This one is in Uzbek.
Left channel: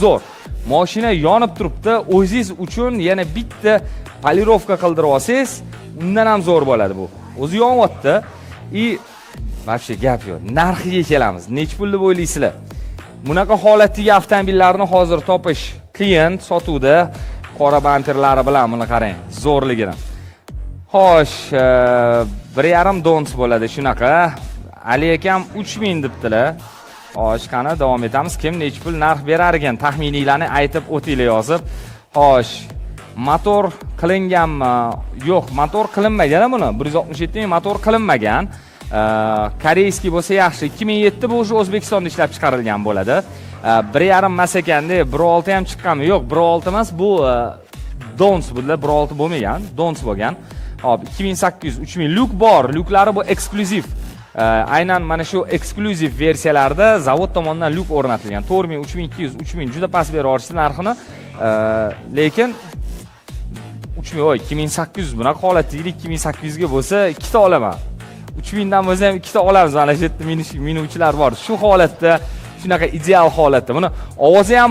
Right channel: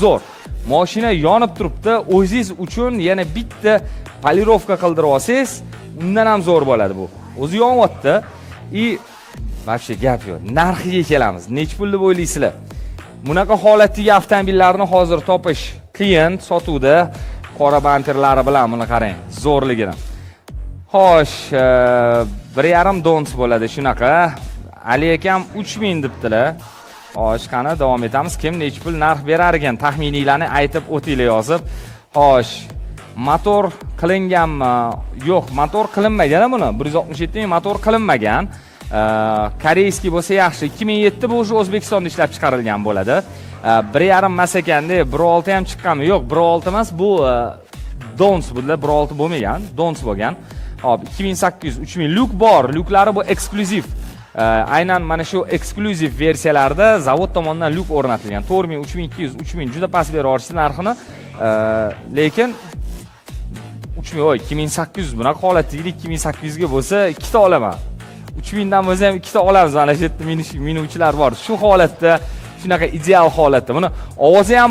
zo'r. Mashina yonib turibdi, o'zingiz uchun yana bitta polirovka qildirib olsangiz, undan ham zo'r bo'ladi bu. O'zi yonyapti. Вообще gap yo'q. Narxiga kelamiz. Nech pul deb o'ylaysizlar? Bunaqa holatdagi avtomobillarni hozir topish klient sotuvda qora bamperlari bilan buni qarang, zo'rligini. Xo'sh, 1.5 dons bo'ladi shunaqa. Ali akam 3000 debdilar. Xo'sh, qani davom etamiz. Kim nech pul narx berar ekan? Taxminiylarni aytib o'tinglar yozib. Xo'sh, motor qilinganmi? Yo'q, motor qilinmagan buni. 167 ming motor qilinmagan. Koreyskiy bo'lsa yaxshi. 2007 bu o'sha O'zbekistonda ishlab chiqarilgan bo'ladi. 1.5 emas ekanda, 1.6 ham chiqqanmi? Yo'q, 1.6 emas, bu dons bular, 1.6 bo'lmagan, dons bo'lgan. Hop, 2800, 3000 lyuk bor. Lyuklari bu eksklyuziv. Aynan mana shu eksklyuziv versiyalarda zavod tomonidan lyuk o'rnatilgan. 4000, 3200, 3000 juda past bera olishdi narxini. Lekin 2800 bunaqa holatdagi 2800 ga bo'lsa ikkita olaman. 3000 dan bo'lsa ham ikkita olamiz. Mana shu yerda minuvchilar bor. Shu holatda, shunaqa ideal holatda. Buni ovozi ham